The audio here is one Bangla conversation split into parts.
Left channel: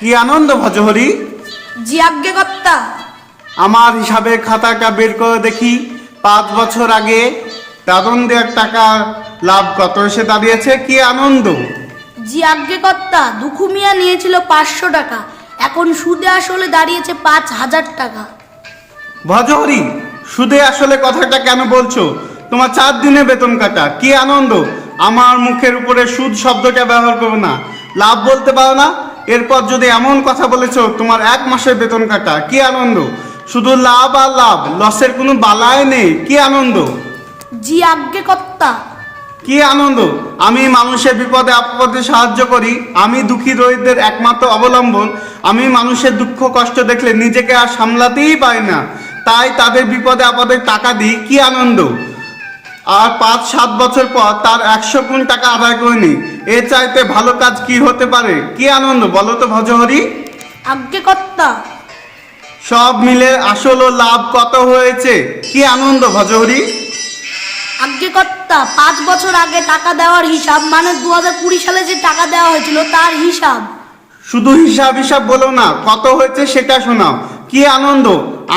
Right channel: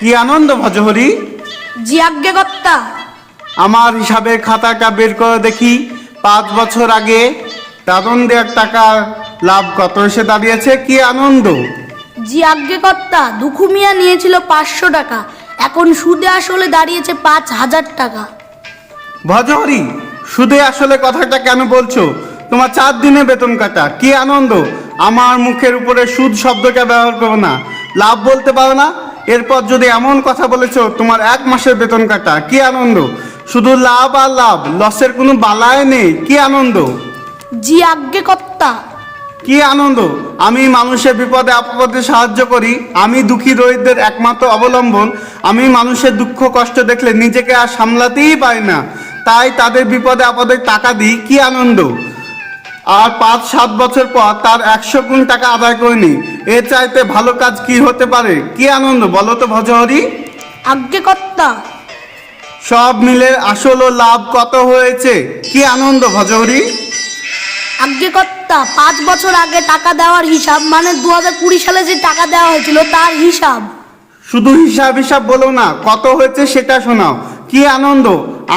কি আনন্দ ভজহরি। জি আজ্ঞে কর্তা। আমার হিসাবের খাতাটা বের করে দেখি, 5 বছর আগে দাদন দেওয়ার টাকা লাভ কত এসে দাঁড়িয়েছে। কি আনন্দ। জি আজ্ঞে কর্তা, দুখু মিয়া নিয়েছিল 500 টাকা, এখন সুদে আসলে দাঁড়িয়েছে 5,000 টাকা। ভজহরি, সুদে আসলে কথাটা কেন বলছো? তোমার 4 দিনে বেতন কাটা। কি আনন্দ। আমার মুখের উপরে সুদ শব্দটা ব্যবহার করো না। লাভ বলতে পারো না? এরপর যদি এমন কথা বলেছো, তোমার 1 মাসের বেতন কাটা। কি আনন্দ। শুধু লাভ আর লাভ, লসের কোনো বালাই নেই। কি আনন্দ। জি আজ্ঞে কর্তা। কি আনন্দ। আমি মানুষের বিপদে আপদে সাহায্য করি। আমি দুঃখী দরিদ্রের একমাত্র অবলম্বন। আমি মানুষের দুঃখ কষ্ট দেখলে নিজেকে আর সামলাতেই পারি না, তাই তাদের বিপদে আপদে টাকা দিই। কি আনন্দ। আর 5-7 বছর পর তার 100 গুণ টাকা আদায় করিনি। এ চাইতে ভালো কাজ কি হতে পারে। কি আনন্দ বলো তো ভজহরি। আজ্ঞে কর্তা। সব মিলে আসল ও লাভ কত হয়েছে। কি আনন্দ ভজহরি। আজ্ঞে কর্তা, 5 বছর আগে টাকা দেওয়ার হিসাব, মানে 2020 সালে যে টাকা দেওয়া হয়েছিল তার হিসাব। শুধু হিসাব হিসাব বলো না, কত হয়েছে সেটা শোনাও। কি আনন্দ।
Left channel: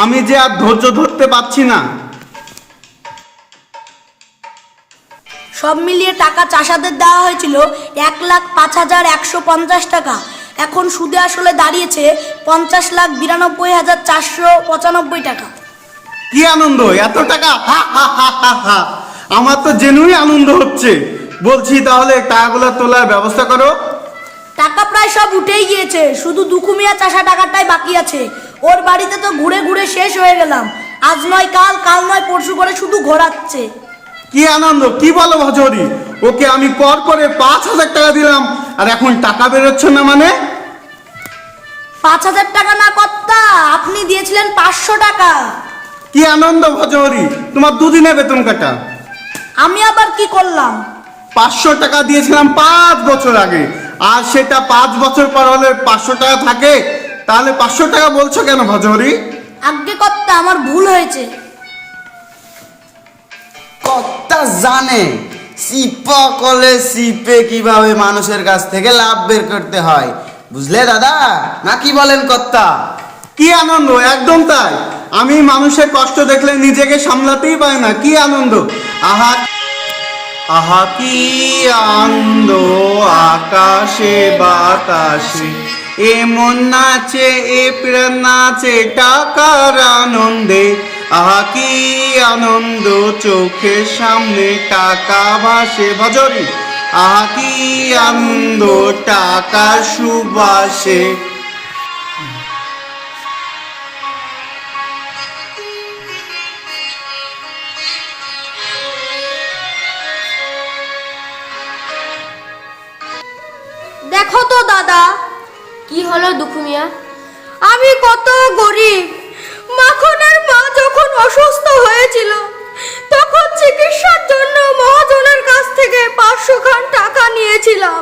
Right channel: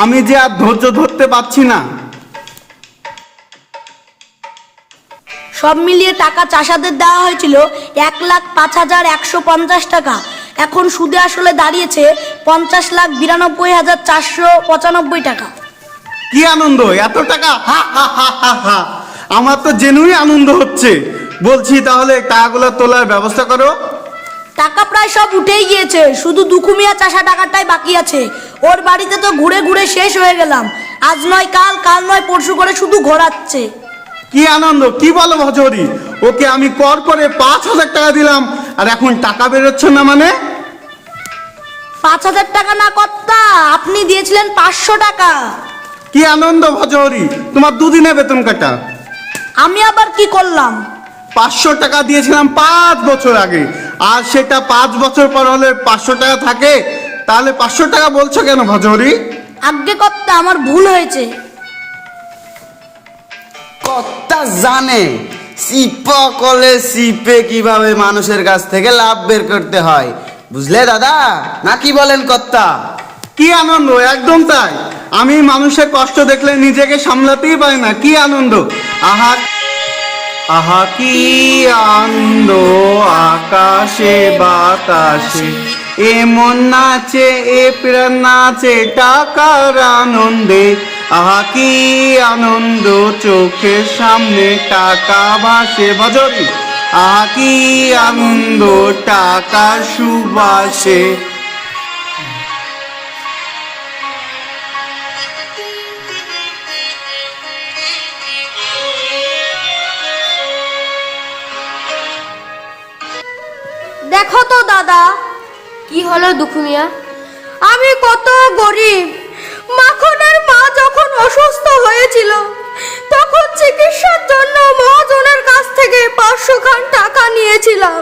আমি যে আর ধৈর্য ধরতে পারছি না। সব মিলিয়ে টাকা চাষাদের দেওয়া হয়েছিল 1,05,150 টাকা, এখন সুদে আসলে দাঁড়িয়েছে 50,92,495 টাকা। কি আনন্দ। এত টাকা। হা হা হা হা হা। আমার তো জেনুই আনন্দ হচ্ছে। বলছি তাহলে টাকাগুলো তোলার ব্যবস্থা করো। টাকা প্রায় সব উঠেই গিয়েছে, শুধু দুখুমিয়া চাষা টাকাটাই বাকি আছে। ওর বাড়িতে তো ঘুরে ঘুরে শেষ হয়ে গেলাম। আজ নয় কাল, কাল নয় পরশু করে শুধু ঘোরাচ্ছে। কি আনন্দ। কি বলো ভজহরি। ওকে আমি কর করে 5,000 টাকা দিলাম, আর এখন টাকা বেরোচ্ছে না মানে। 5,000 টাকা না কর্তা, আপনি দিয়েছিলেন 500 টাকা। কি আনন্দ ভজহরি। তোমার 2 দিনে বেতন কাটা। আমি আবার কি করলাম? 500 টাকা দিয়েছিলাম 5 বছর আগে, আর সেটা 5 বছর পর হলে 500 টাকা থাকে। তাহলে 500 টাকা বলছো কেন ভজহরি। আজ্ঞে কর্তা, আমার ভুল হয়েছে। কর্তা জানে সিপকলে সিপে কিভাবে মানুষের কাছ থেকে লাভ বের করতে হয়, বুঝলে দাদা, না কি বলেন কর্তা? কি আনন্দ। একদম তাই। আমি মানুষের কষ্ট দেখলে নিজেকে সামলাতেই পারি না। কি আনন্দ। আহা আহা কি আনন্দ। আকাশে বাতাসে এমন নাচে, এ প্রাণ নাচে টাকার আনন্দে। আহা কি আনন্দ। চোখের সামনে টাকা ভাসে ভজহরি। আহা কি আনন্দ। টাকার সুবাসে। দেখো তো দাদা। কি হলো দুঃখু মিয়া? আমি কত গরিব। মাখনের মা যখন অসুস্থ হয়েছিল, তখন চিকিৎসার জন্য মহাজনের কাছ থেকে 500 খান টাকা নিয়েছিলাম।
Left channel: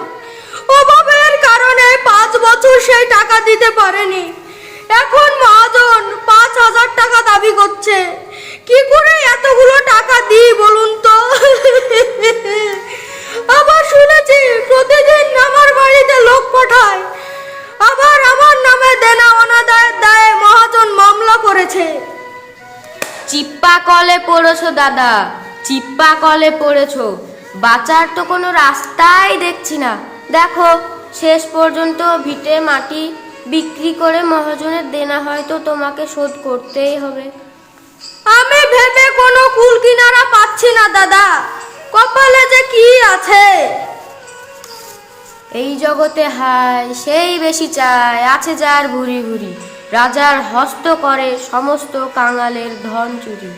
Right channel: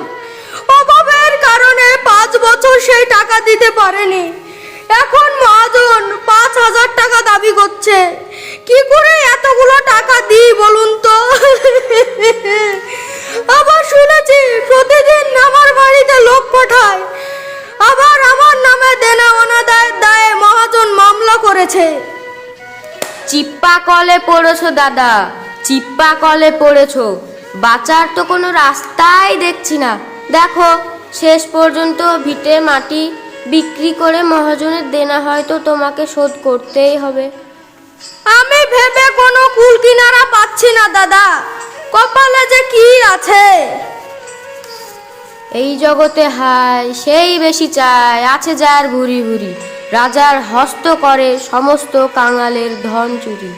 অভাবের কারণে 5 বছর সেই টাকা দিতে পারেনি। এখন মহাজন 5,000 টাকা দাবি করছে। কি করে এতগুলো টাকা দিই বলুন তো? আবার শুনেছি প্রতিদিন আমার বাড়িতে লোক পাঠায়। আবার আমার নামে দেনা অনাদায়ের দায়ে মহাজন মামলা করেছে। চিপ্পা কলে পড়েছো দাদা, চিপ্পা কলে পড়েছো। বাঁচার তো কোনো রাস্তাই দেখছি না। দেখো, শেষ পর্যন্ত ভিটে মাটি বিক্রি করে মহাজনের দেনা হয়তো তোমাকে শোধ করতেই হবে। আমি ভেবে কোনো কুল কিনারা পাচ্ছি না দাদা। কপালে যে কি আছে। এই জগতে হায় সেই বেশি চায়, আছে যার ভুরি ভুরি। রাজার হস্ত করে সমস্ত কাঙালের ধন চুরি।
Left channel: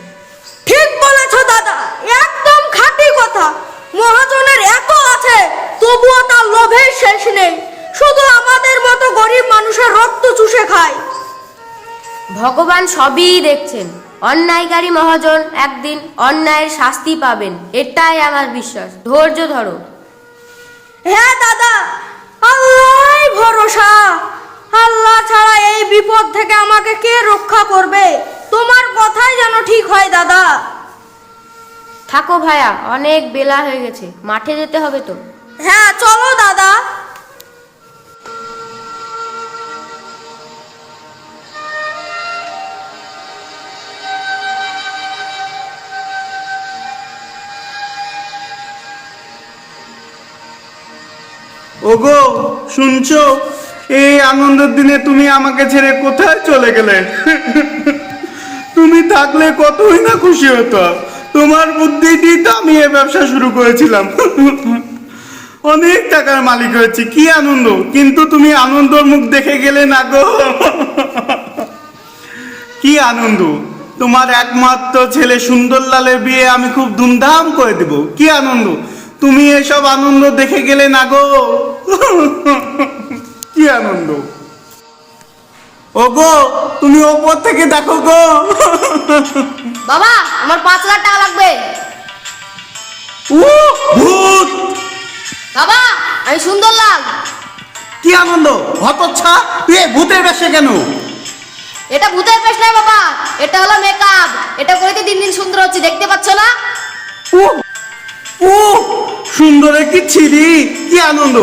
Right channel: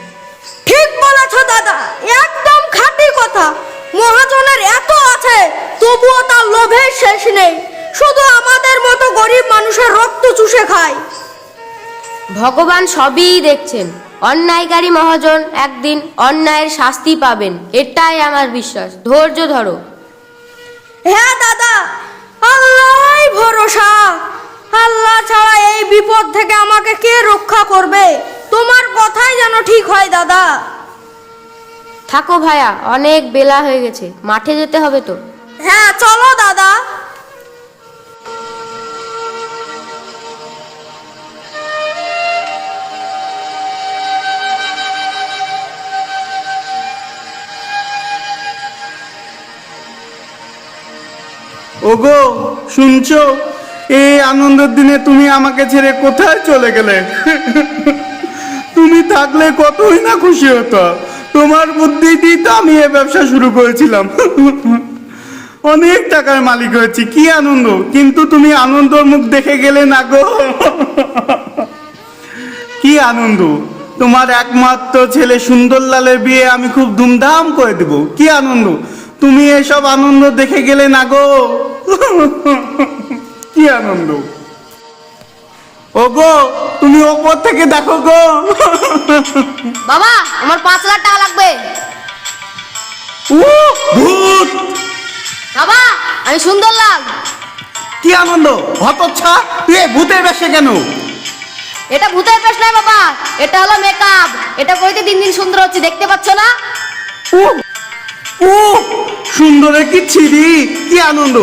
ঠিক বলেছো দাদা, একদম খাঁটি কথা। মহাজনের এত আছে, তবুও তার লোভের শেষ নেই। শুধু আমাদের মতো গরিব মানুষের রক্ত চুষে খায়। ভগবান সবই দেখছেন। অন্যায়কারী মহাজন একদিন অন্যায়ের শাস্তি পাবেন, এটাই আমার বিশ্বাস। ধৈর্য ধরো। হ্যাঁ দাদা, আল্লাহই ভরসা। আল্লাহ ছাড়া এই বিপদ থেকে আমাকে কে রক্ষা করবে? তোমার কথাই যেন ঠিক হয় দাদা। থাকো ভাইয়া, অনেক বেলা হয়ে গেছে, মাঠে যেতে হবে তো। হ্যাঁ চলো দাদা। ওগো শুনছো, এই আনন্দের দিনে তুমি আমাকে ছেড়ে কোথায় চলে গেলে? তুমি থাকলে কতই না খুশি হতো। তোমার বুদ্ধি দিয়ে তো আমি এই ব্যবসা শুরু করেছিলাম। অনেক টাকার মালিক হয়েছি, কি আনন্দ, কিন্তু তুমি আনন্দর মুখ দেখে গেলে না গো। কি আনন্দ, তোমার একমাত্র ছেলে সুন্দরলালের বিয়ে আমি খুব ধুমধাম করে দেব, কি আনন্দ, তুমি এসব আনন্দ দেখে গেলে না গো। কি আনন্দ। ওগো তুমি ওপর থেকে দেখো গো। বাবা আমার 5 লাখ টাকা লাগবে। ও ভূত। বাবা আমি সুন্দরলাল। কি আনন্দ, হতচ্ছা, তুই এই ভূতের বেশে কেন? এটা ভূতের বেশ না বাবা, এটা হলো মেকআপ। এটা করতে দিন দিন সুন্দর হচ্ছে, দেখতে পাচ্ছ না? ও ও সুন্দরে কি ছিরি, কি আনন্দ,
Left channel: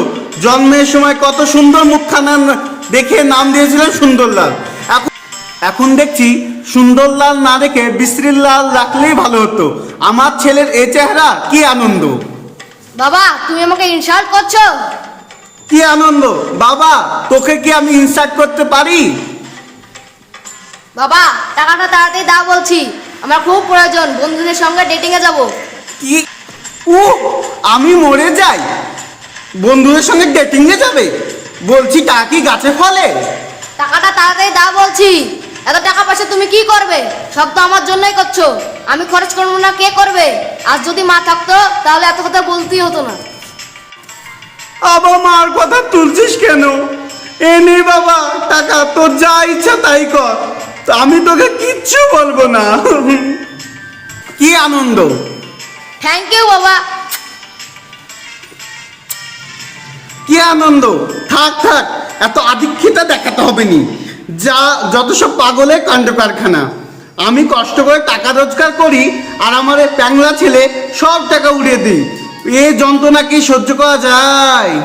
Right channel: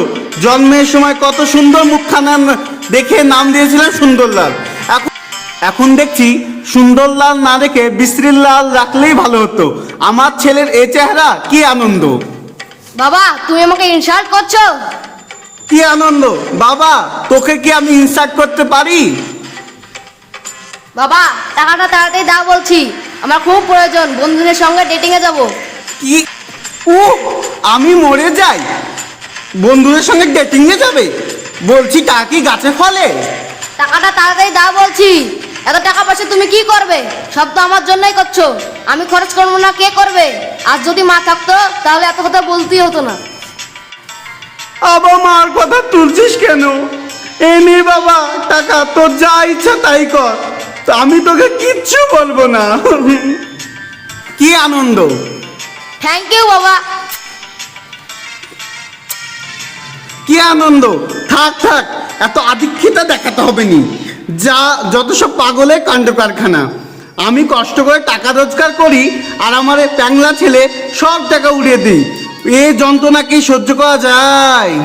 জন্মের সময় কত সুন্দর মুখখানা দেখে নাম দিয়েছিলেন সুন্দরলাল। এখন দেখছি সুন্দরলাল না রেখে বিশ্রীলাল রাখলেই ভালো হতো। আমার ছেলের এই চেহারা, কি আনন্দ। বাবা তুমি আমাকে ইনসাল্ট করছো। কি আনন্দ বাবা, তোকে কি আমি ইনসাল্ট করতে পারি? বাবা টাকাটা তাড়াতাড়ি দাও বলছি, আমার খুব প্রয়োজন, বন্ধুদের সঙ্গে ডেটিং এ যাব। কি ও আমি মরে যাই, বন্ধুদের সঙ্গে ডেটিং এ যাবে? বলছি টাকা কি গাছে ফলে? টাকাটা তাড়াতাড়ি দাও বলছি। এত টাকা পয়সা তুমি কি করবে? সব তো আমার জন্যই করছো, আমি খরচ করবো না কে করবে? আর যদি মা থাকতো তাহলে এত কথা বলতেই হতো না। আবার মার কথা তুলছিস কেন? এই নে বাবা টাকা, তোর যা ইচ্ছা তাই কর, আমি তোকে কিচ্ছু বলবো না। কি আনন্দ। থ্যাংক ইউ বাবা। কি আনন্দ, থাক থাক, এত আধিক্যতা দেখাতে হবে নি, যা যত সব পাগলের কাণ্ড কারখানা। আমি কষ্ট করে টাকা রোজগার করি আর আমার এই প্যাংলা ছেলে সব টাকা উড়িয়ে দিই, এই যন্ত্রণা কি সহ্য করা যায়?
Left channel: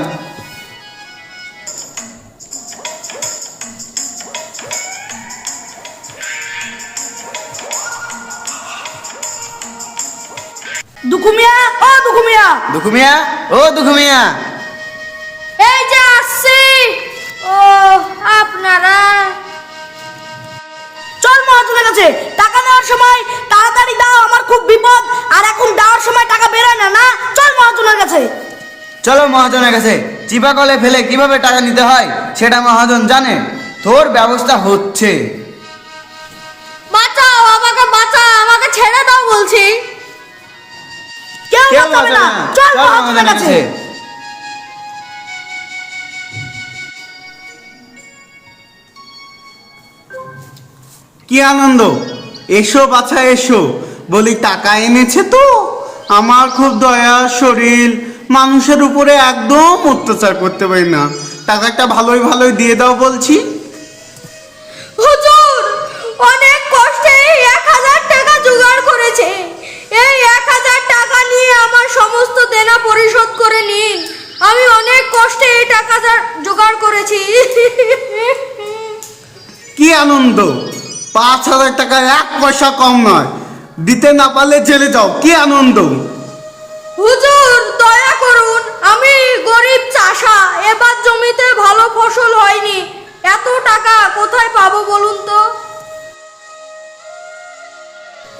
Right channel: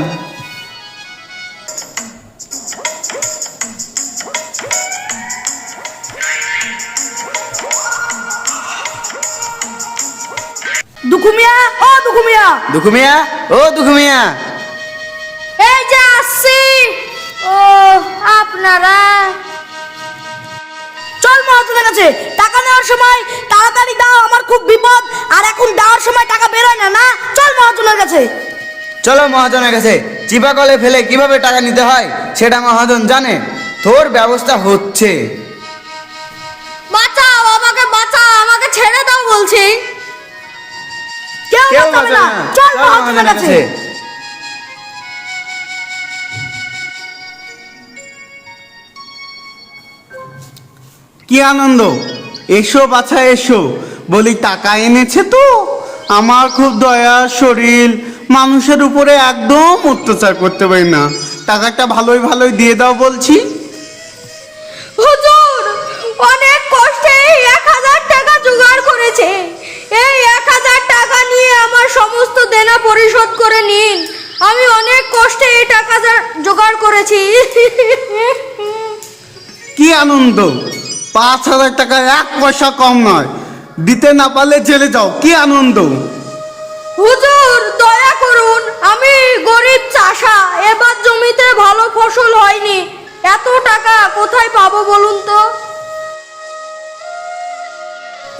দুকুমিয়া, ও দুকুমিয়া, দুখুমিয়া, ও দুখুমিয়া। এই যে আসছি। ও আপনারা, চল মহাজনের কাছে। টাকা নেওয়ার সময় তাড়াতাড়ি দাও, আমার খুব বিপদ, আর এখন দেওয়ার সময় টাকা বেরোয় না। না চল মহাজনের কাছে। চলো মহাজনের কাছে। চিপা কলে ফেলে কিভাবে টাকা নিতে হয় সেটা মহাজন জানে, তোর ব্যবস্থা হচ্ছে। বাঁচাও আমাকে, বাঁচাও আমাকে, ছেড়ে দাও বলছি। কেউ কেউ বাঁচাবে না, বাঁচাবে না, চল চল মহাজনের মহাজনের কাছে। কাছে। কি আনন্দ, এসো বাছা এসো, বলি টাকা এনেছে তো? আমার খুব দয়া শরীর, মানুষের উপরে একদম অত্যাচার করতে পারি না, টাকাটা ভালোই ভালোই দিয়ে দাও বলছি। হুজুর অনেক কষ্টে এই 1000 টাকা জোগাড় করেছে, এই 1000 টাকা নিয়ে আমার সমস্ত দেনা পরিশোধ করে নিন। আমি অনেক কষ্টে এই টাকা জোগাড় করেছি। কি আনন্দ, 5,000 টাকা 1 পয়সা কম নয়, দিতে না পারলে জেলে যাও, কি আনন্দ। হুজুর দয়া করুন, আমি গরিব চাষা, এবার জমিতে ভালো ফসল হয়নি, এত টাকা কোথায় পাবো বলুন তো?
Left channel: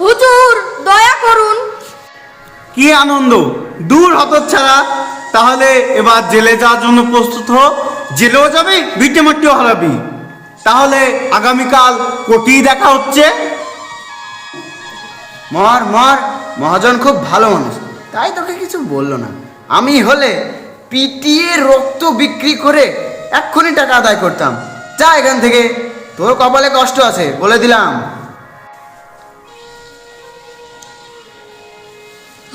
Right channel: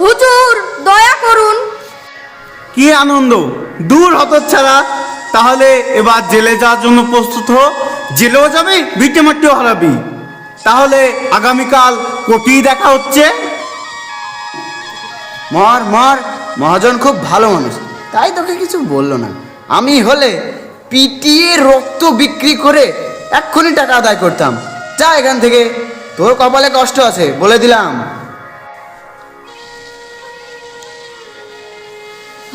হুজুর দয়া করুন। কি আনন্দ, দূর হতচ্ছাড়া, তাহলে এবার জেলে যাওয়ার জন্য প্রস্তুত হো, জেলেও যাবি ভিটে মাটিও হারাবি। তাহলে আগামীকাল কপি দেখা হচ্ছে। মার মার, মহাজন খুব ভালো মানুষ, তাই তোকে কিছু বললো না। আমি হলে পিটিয়ে রক্ত বিক্রি করে এক্ষুনি টাকা আদায় করতাম। যা এখান থেকে, তোর কপালে কষ্ট আছে বলে দিলাম।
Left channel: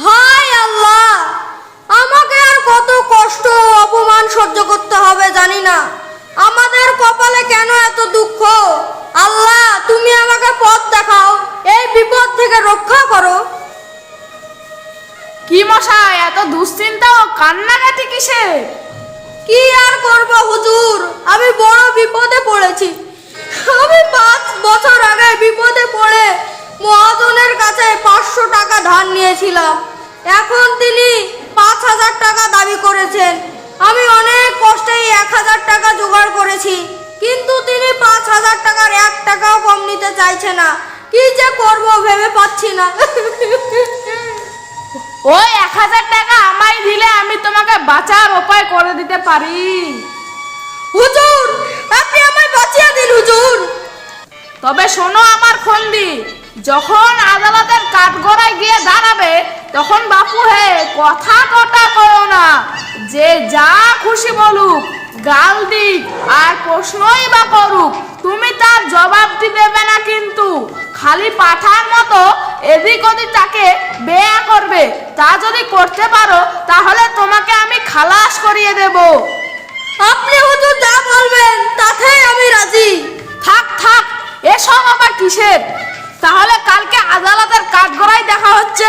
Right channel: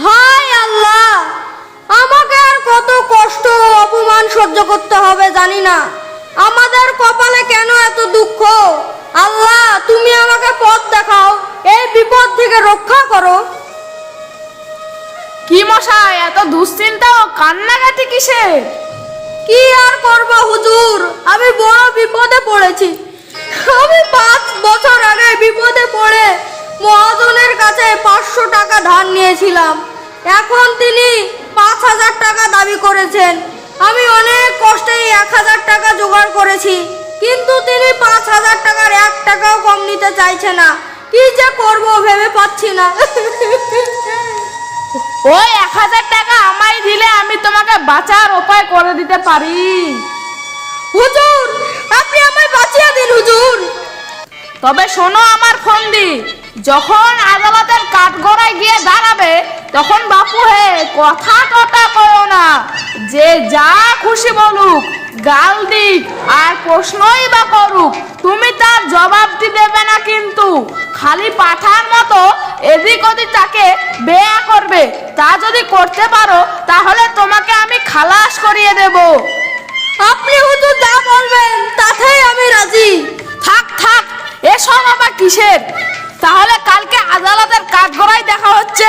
হায় আল্লাহ, আমাকে আর কত কষ্ট ও অপমান সহ্য করতে হবে জানি না। আমাদের কপালে কেন এত দুঃখ? আল্লাহ তুমি আমাকে পথ দেখাও, এই বিপদ থেকে রক্ষা করো। কি মশাই, এত দুশ্চিন্তা ও কান্নাকাটি কিসে? কি আর করবো হুজুর, আমি বড় বিপদে পড়েছি। আমি 5 বছর আগে বিপদে পড়ে মহাজনের কাছে 500 টাকা ধার নিয়েছিলাম। এখন তিনি 5000 টাকা দাবি করেছেন। আমি অনেক কষ্টে 1000 টাকা জোগাড় করেছি, কিন্তু তিনি 5000 টাকার 1 টাকাও কম নিতে চাইছে না। কি যে করব ভেবে পাচ্ছি না। ওই 1000 টাকা আমায় দিলে আমি তোমাকে বাঁচার উপায় করে দিতে পারি। হুজুর, আপনি আমায় বাঁচিয়ে দিন হুজুর। তবে শোনো আমার ফন্দি, যখন আদালতের কাঠগড়ায় গিয়ে দাঁড়াবে তখন বাপু হে কথা কটা করো না, যে যা খুশি বলুক, গাল দিক আর প্রশ্নই বা করুক, তুমি তার জবাবটি দেবে না, কিন্তু খালি পাঠার মতো এদিক ওদিক তাকে বেয়া করবে। তা যদি করতে পারো তাহলে তোমাকে আমি খালাস করিয়ে দেব। আপনি হুজুর যা বলবেন তাতেই আমি রাজি। থাক থাক, এসব আবার কিসের? তাহলে কালকে আদালতের কাঠগড়ায় দেখা হচ্ছে।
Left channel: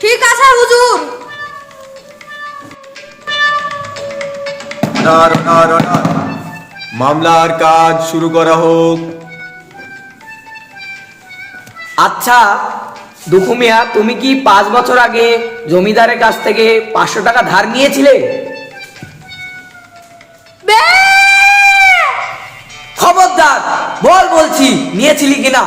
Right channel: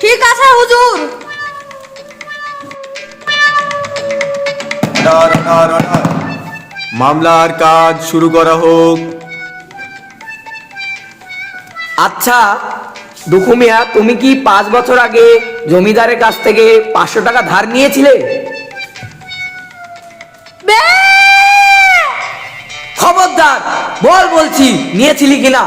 ঠিক আছে হুজুর। মামলার কাজ শুরু করা হোক। আচ্ছা দুখু মিয়া, তুমি কি 5 বছর আগে জমিদারের কাছ থেকে 500 টাকা ধার নিয়েছিলে? খবরদার, বল বলছি, নিয়েছিলি কিনা?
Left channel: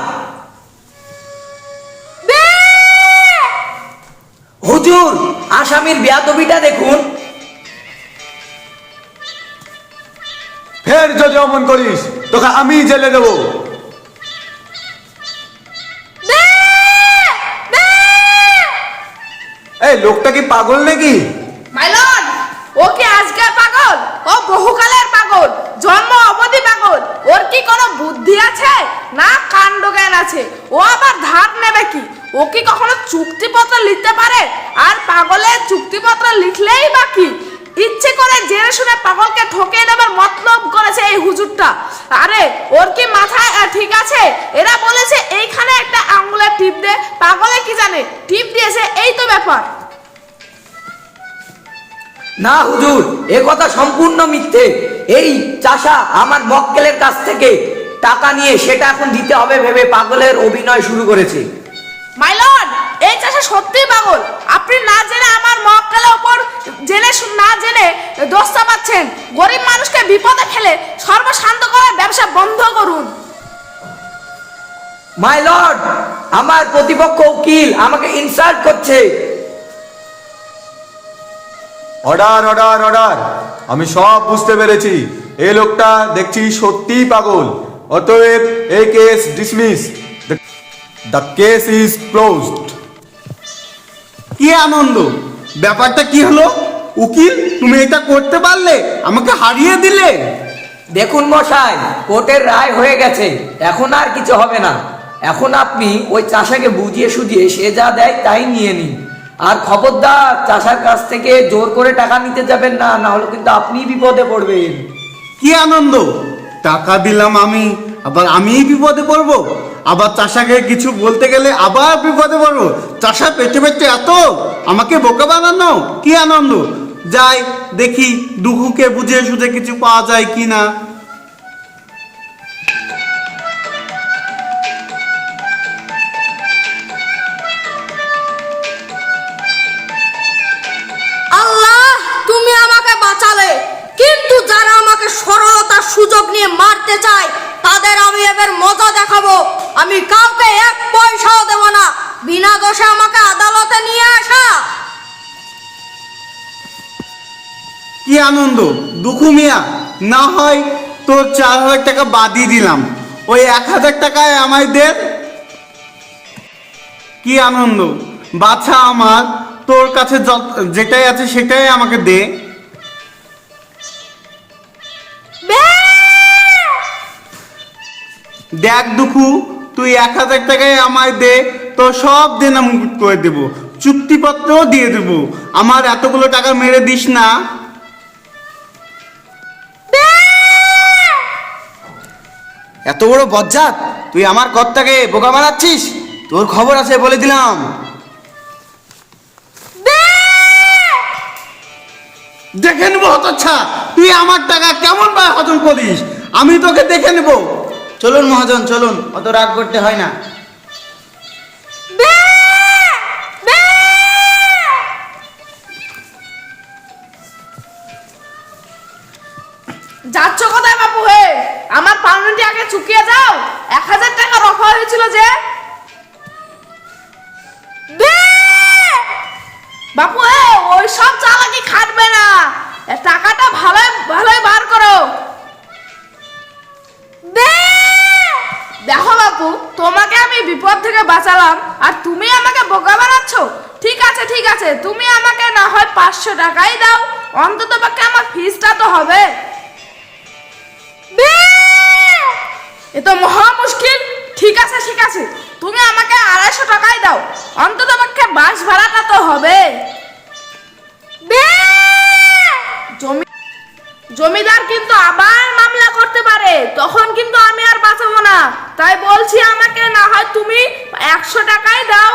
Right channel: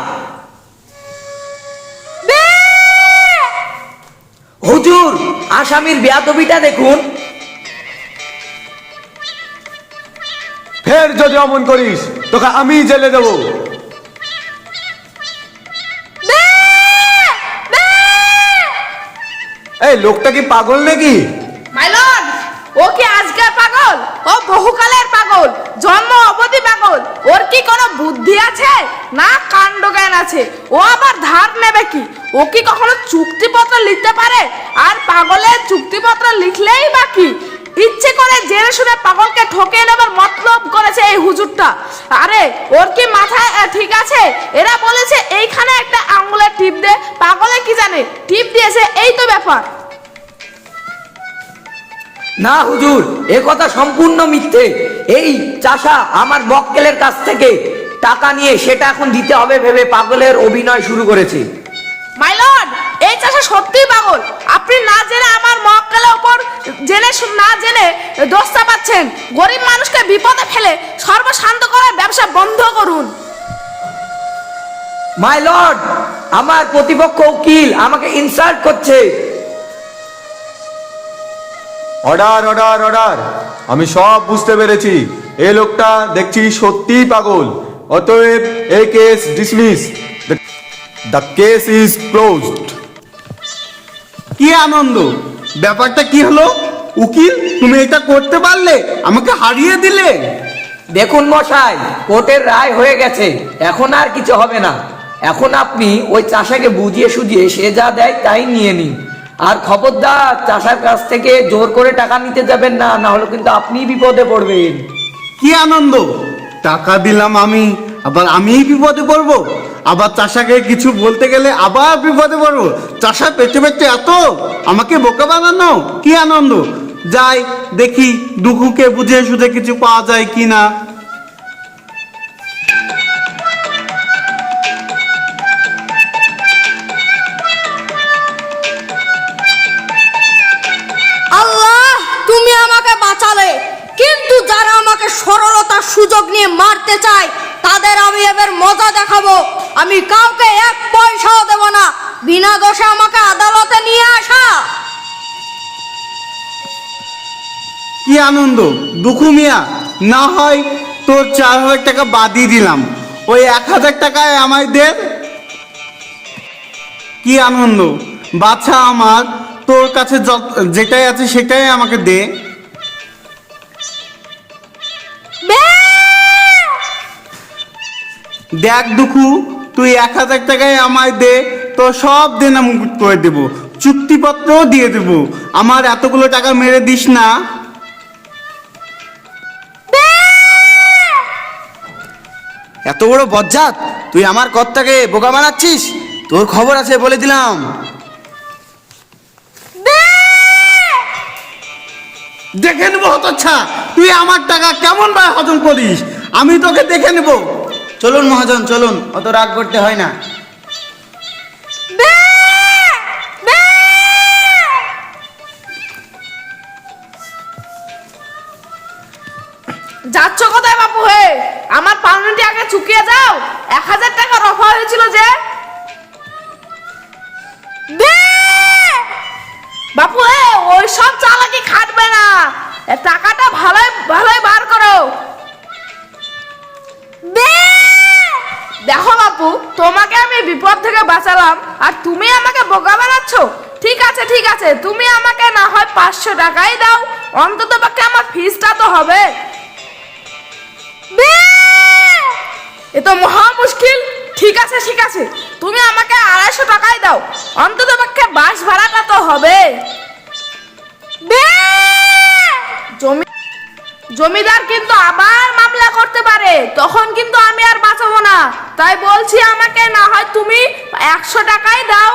হুজুর, আসামির বেয়াদবিটা দেখুন। ফের যদি অমন করিস তোকে আমি জেলে দেবো। এই লোকটা কি পাগল নাকি? মাইলন, ও কি আজকে পাগল? ও বহুকালের পাগল, জন্ম অবধি পাগল। ওর কি কোনো বুদ্ধি আছে না কাণ্ড জ্ঞান আছে? ও আবার ধার নেবে কি? ও কি কখনো চুক্তিপত্র লিখতে পারে? আর পাগলের চুক্তিপত্র লিখলেই বা কি? ইচ্ছে করে জেনে শুনে পাগলকে ঠকিয়ে নেবার মতলব করেছে এই হুজুরটা। আরে ওর কি মাথা ঠিক আছে? এরা বলেছে এইখানে একটা আঙ্গুলের টিপ দে, পাগলে কি জানে টিপ দিয়েছে, এই তো ব্যাপার। না হুজুর, এ কথা সম্পূর্ণ মিথ্যে। এই চাষা আমার মক্কেলের কাছ থেকে টাকা নিয়ে সেটা এখন দিতে হবে ভেবে পাগলের অভিনয় শুরু করেছে। মাই লর্ড, এই চাষে সত্যি পাগল। আপনি না জেনে আমার মক্কেলের উপর না জেনে দোষ চাপাচ্ছেন। গরিব মানুষকে বিপদে ফেলে সর্বশান্ত করার ব্যবসা বন্ধ করুন। মাই লর্ড, আমার প্রতিপক্ষ উকিল আমাকে ইনসাল্ট করছে। অর্ডার অর্ডার অর্ডার, আমি সব বুঝতে পেরেছি। এই লোকটা দেখছি সত্যিই পাগল। অতএব এই case dismiss. The case is closed. কি আনন্দ, ব্যাপারটা কি হলো? উকিল, তুমি এটা করতে পারলে, আমাকে হারিয়ে দিলে। দেখুন মশাই, কোর্টের রায় হয়ে গেছে, এখন আর কিছু হবে না। এখন আপনি ওই চাষাকে বুঝিয়ে সুঝিয়ে সে যা দেয় তাই নিয়ে নিন। আর খবরদার চাষার কাছ থেকে জোর করে টাকা নিতে যাবেন না, না হলে কিন্তু আপনি বিপদে পড়বেন। কি আনন্দ, টাকা দিলাম আমি, আবার আমিই বিপদে পড়বো? আবার চাষাকে কিছু বলতে গেলে আবার বিপদে পড়বো? চাষা পেটে পেটে এত আমাকে বোকা বানানো? কি আনন্দ, যাই দেখি দুঃখকে বুঝিয়ে সুঝে কিছু পাওয়া যায় কি না। আল্লাহ, তুমি আমাকে বাঁচালে, কিন্তু যারা আমাকে সরলতার সুযোগ নিয়ে মারতে চায় তাদের আমি এবার মজা দেখাবো। আমি কাউকে 1 পয়সাও দেব না, বিনা দোষে আমাকে আদালতে নিয়ে আসা। কি আনন্দ, দুঃখু মিয়া, না হয় তোর 4000 টাকা বাদই দিলাম, ওই 1000 টাকায় আমায় দে। কি আনন্দ, বাছা আমার, তোর কাছে যেটাই আছে সেটাই আমাকে দে। দেখ দুঃখু, তুই 1000 টাকায় আমায় দে, তো সব দিন আমি করে দেবো, চুক্তিপত্রও দিয়ে দেবো। আমার এতগুলো টাকা মেরে দিস না। এত বড় বজ্জাত, তুই আমার কর্তাকে বোকা বানাচ্ছিস? তোর খবর আছে বলে দিলাম। দেখে নেবো হতচ্ছা, তুই আমার টাকা কেমন ভাবে হজম করিস, আমি তোকে দেখে নেবো। চলুন মহাজন চলুন, অত রাগ করতে হয় না। যাচ্ছ কোথায় বাপু হে? আমার পাউরুটি আগে চুকিয়ে যাও। 1000 টাকা রফা হয়েছিল যে। দে বাপু হে, ওই সব চালাকি খাটবে না, এ টাকাটা ভালোই ভালোই বার করো। দে দেখো বাপু, তোমাকে আমি বিপদ থেকে বাঁচালাম আর তুমি আমাকে বোকা বানাচ্ছ। ঠিক আছে ঠিক আছে, তুমি আমাকে না হয় 500 টাকাই দাও, অন্তত পক্ষে আমার ফিসটা তো হবে। দে এ তো মহা মুশকিল। ঠিক আছে ঠিক আছে, তুমি আমাকে 250 টাকাই দাও, অন্তত পক্ষে বাস ভাড়াটা তো হবে। দে জমিদার কিন্তু আবার মামলা করতে পারে, তখন কিন্তু আমি আর বাঁচাবো না। তাই বলছি আমাকে না হয় তুমি 100 টাকাই দাও।